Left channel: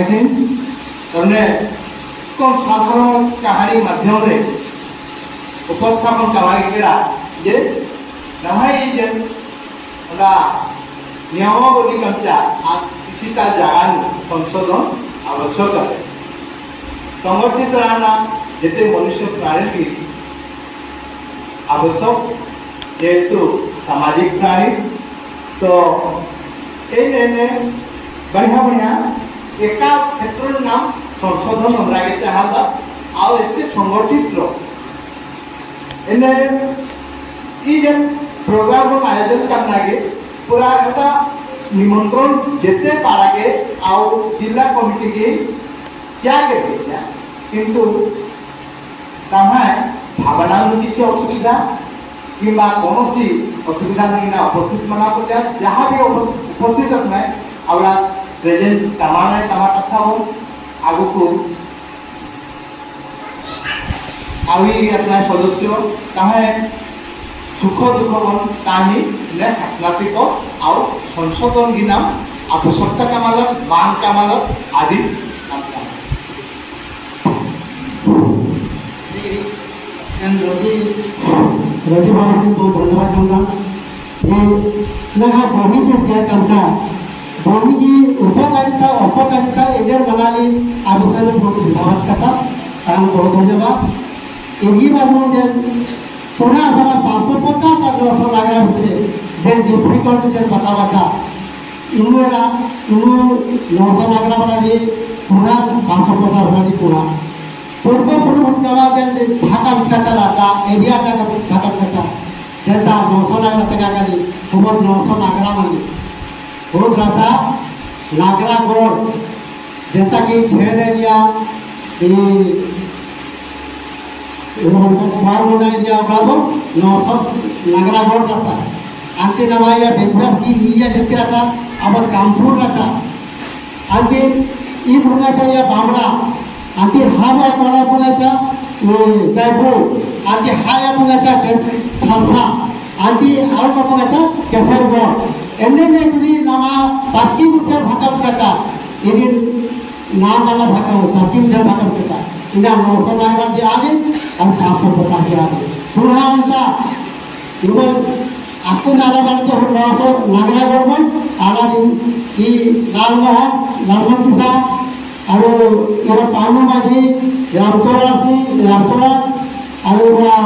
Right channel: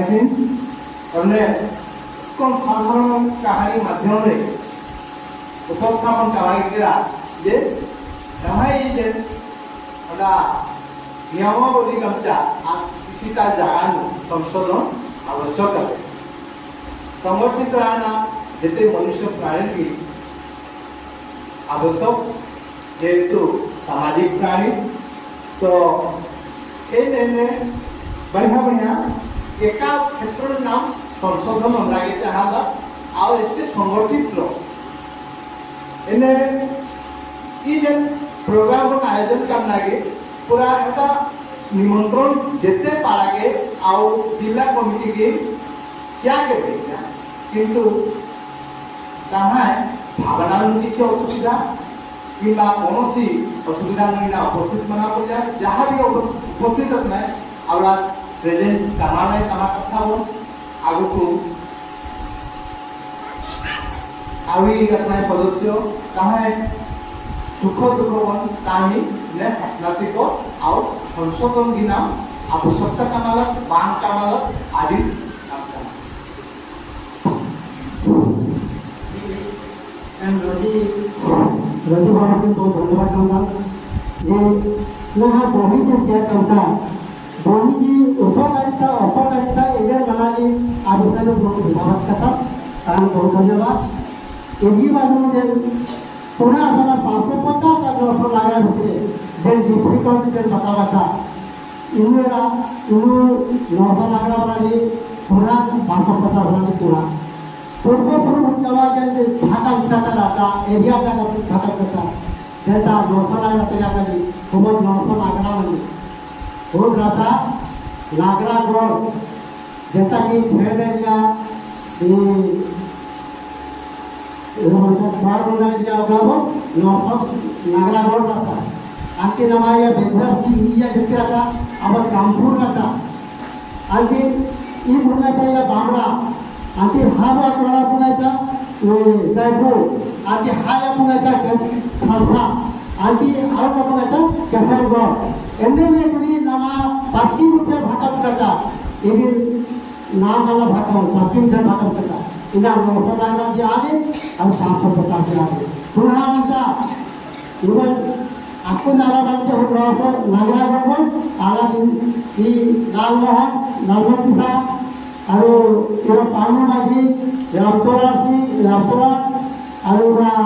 हमने कौन साधारण कहानी माध्यम रे उपस्थापन करा जे नमाई जे ना नियमावली कमचा किसी का जान संशोधन आवश्यक है। संगठित रहना जिते मनुष्य प्राणी की आवश्यक जेहेतु सामाजिक प्राणी तो ये बढ़िया बढ़िया एका क्षेत्र नाम संशोधन लगे चाहता आ इससे संगठित ये प्रोग्राम आयोजन करना के पूरा एटा निमंत्रण जिते पारा के आउ जिला कमिटी की क्या क्या किंतु भावना किसी असुविधा कि कौन सी असुविधा नहीं उपस्थित मना पड़ा जहाँ भी उपस्थित रखना आवड़ा प्रेजेंट तमाम कथा हो आगु को अपना सदस्य तमें सुख दुख कहानी नाटिक आउ संशोधन की नाम आवश्यकता कामालत मान कामालत आदि रजी बाबू को धन्यवाद दूंगा। ये लगा बही के क्या कमचा बही की उपकारिता अपकारिता एजर बनाली आ विषय में बहुत विचार करता कारण बहुत धन्यवाद। यही बात में जे पुनः हमारा 550 आग्रह लगा होते जे डिफिकल्ट जे बतावा था इनु 900 आग्रह वाला जी पुनः 550 वाला जी पुनः पूर्व पूर्व जमा के ढाका उसका राटा एरिया का ढाका कचा जनता 900 नागरा टका का बहुत 900 नागरा में बहुत राजा नागरा गोर जनता की छेड़ एरिया फार्म बना एरिया बाबू 900 नागरा गोर राजा अंति नमाया बेदवास की ये जति राजा अब कामपुर राजा अंति इस होना चाहिए बामड़ा आंटी हावा कोणा पुण्याचा जयपूर आंटी हाया पुण्याचा खालसा आंटी आरो का पुण्याचा केसरगड एने ने तुरी नामा पाचकी मुठे भाका मुठाचा इनी नाम वाला भाका पाचकी मुठे भाका मुठाचा इना मोठा नागरा जे आले आणि 750 जे आले पुन्हा आमचा इवन आकू नाला बाळते हो नागरा गडबड आला ई लालमोहन पिसा और ये पानी बाजी रामचोरा और इबरा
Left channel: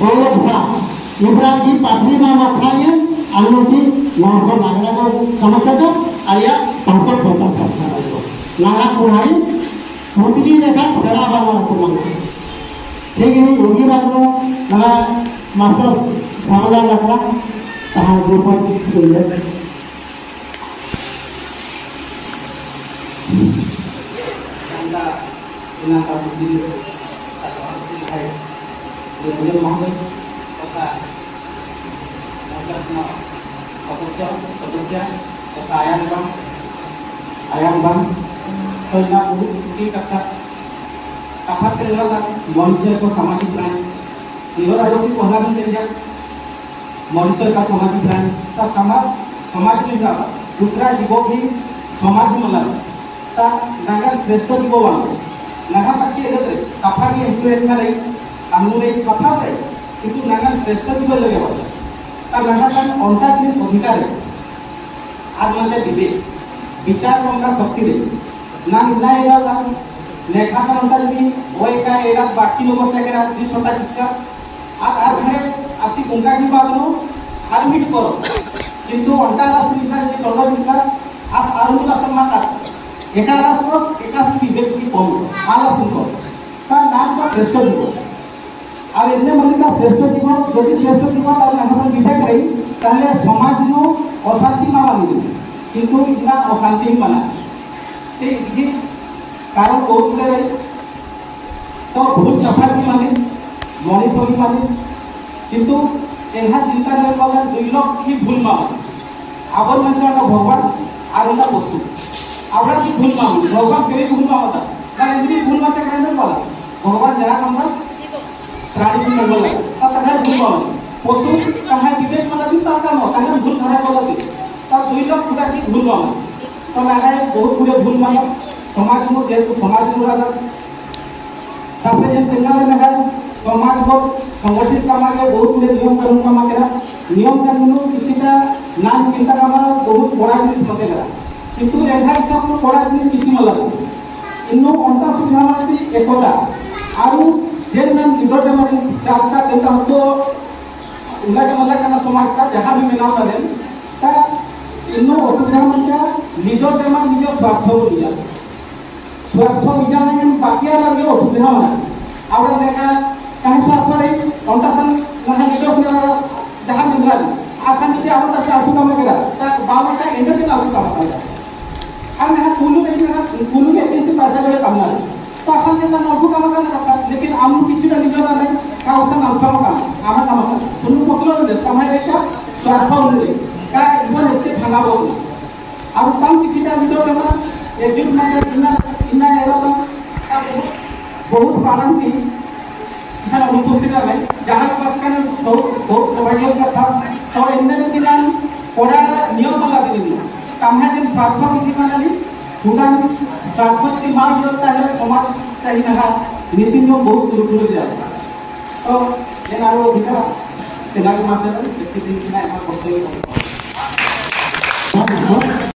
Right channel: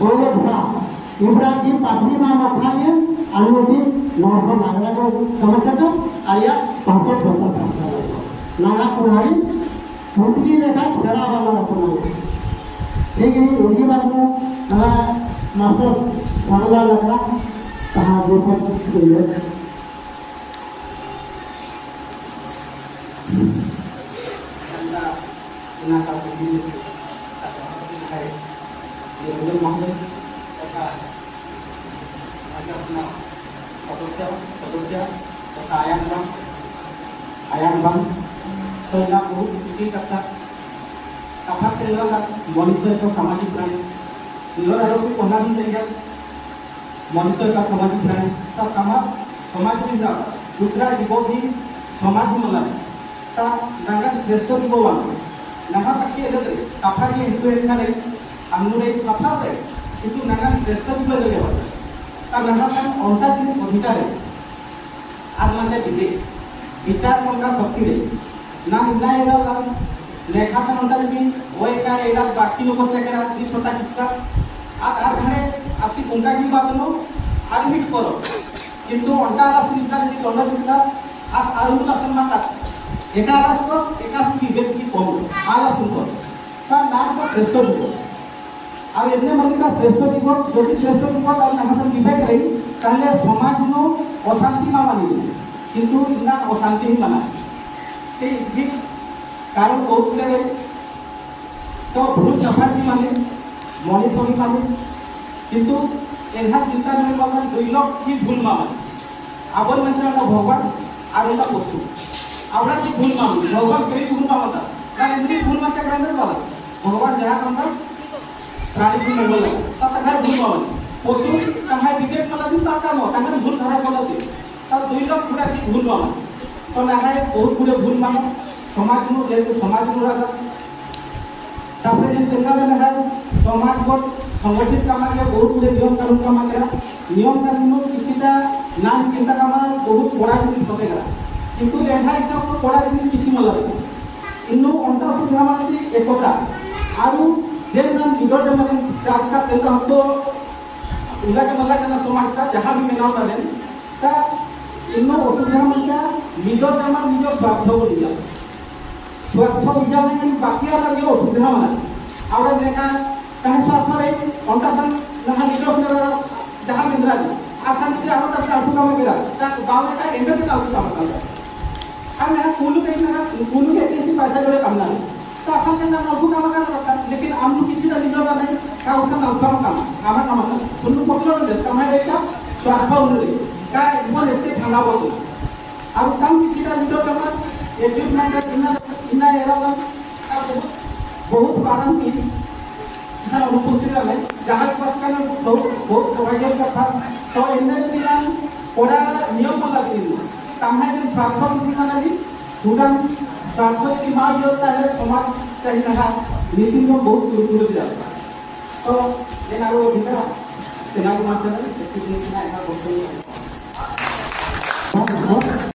बोलसा इबरा जी पाटनी में मखाए अनुति 900 नागरा को समझा तो आया 550 नागा कुहारी मुंडली देखा तेरा वाला को ठीक है यही बात में ना मास्टर सामला लगला कहां ऊपर का दीदी है ये मामले तथा सदस्य तथा आयान बन सैना की कथा साफा केंद्र का मनुष्य को सामाजिक प्राणी यह राजसी पहला केंद्र मनुष्य का सामाजिक प्राणी का समाज में का दूसरा जीवों भी समाज में लगा नागर श्रेष्ठ जीवों वालों नागा पाकी एदरे साफा के इम्प्लेंट करे अनुने साफा रे किंतु नागा श्रेष्ठ जीव लगे हो ता नागा का अंता जिनिस अधिकार है आज नाले विवेक विचार करना शक्ति रे ना निना एरा ला नेखा सा अंता जी ओए का एरा बाकी नो मत के रात 20 घंटा जिसका आज घरे आसी कुंका की बात नो हारमिट करो किंतु अंता ला सुविधा जे करना जिसका आज आरंभ सम्मान का एका राष्ट्र एका विवेक की कम आला सुंदर का नाम का श्रेष्ठ जीव अब इतने मन का श्रेष्ठ जीव यदि श्रेष्ठ जीव तार हमर विवेक रही ताले समाज नो अशांति मा मानी किंतु इतना अशांति ही माना ये कारण को ले तो भूल सफा की माने मनीष की माने किंतु एहा चिंता नहीं कला 2 लाख की भूल माने आबर मंत्र का भगवान आरंदा पशु आवड़ा की भूल मांग भगवान केवी भूल मांगता ना इतनी भूल मांगते के अंदर बोला भगवान जरा कमरा प्राणी की मंगल तो तने भूल मांग पशु कहे विवेक वाला भी तार काम कहे भूल धरा बोलते तो 2 लाख फुटा की भूल मांग तो नागा बहुत पूरे भूल मांग समाज में जेहेतु समाज में रहा तापर जेन तेंगाले में है समाज को संगठित कामा के बहुत गुड़े नियम कानून कामा केरा नियम कानून किछिटा नाम चिंता कामा बहुत बड़ा जिनिस होते करा किंतु एभा हिसाब में बड़ा जिनिस किछि मला इन्नो अंता सुविधा माने एकता आरु जेन नाम लीडर जमा राजका तेंगा हतो उला के मला काना समाज का जहां भी मिलाव करन ता इन्नो असुविधा माने लीडर जमा निजो स्वार्थ को लिया स्वार्थ विचारने बाकी लगे असुविधा माने आवरा देखा कहीं स्वार्थ रे अंतासन नहा निजो सुनेला जहां मिलरा आसान जे आवरा स्वार्थ काम केरा ता बावरा का एंदर के स्वार्थ काम करा हम यहाँ कुलू के किसी पैसा ले काम ना तो आसान के नफू काम करना लेकिन आम किसी का निजो करने का उसका नफा काम आमा काम करना कुलू पकड़ो दे हमारे का स्वार्थ उन्हें का इवन इसके भागा हो और काम किसी का निजो करना एक जुट में इना एरो बहुत पालन की सारा उपस्थित है जहां पर का बहुत सौभाग्य का था तो इनने के नाम बड़ा नियम लगा दी कामना दिन स्वार्थ की दिखाना पूरा स्वार्थ की मांग होता है समाज कहीं ना नीति नियम बहुत गुरुकुल दिया तो जेनारो भितर सेना के माध्यम से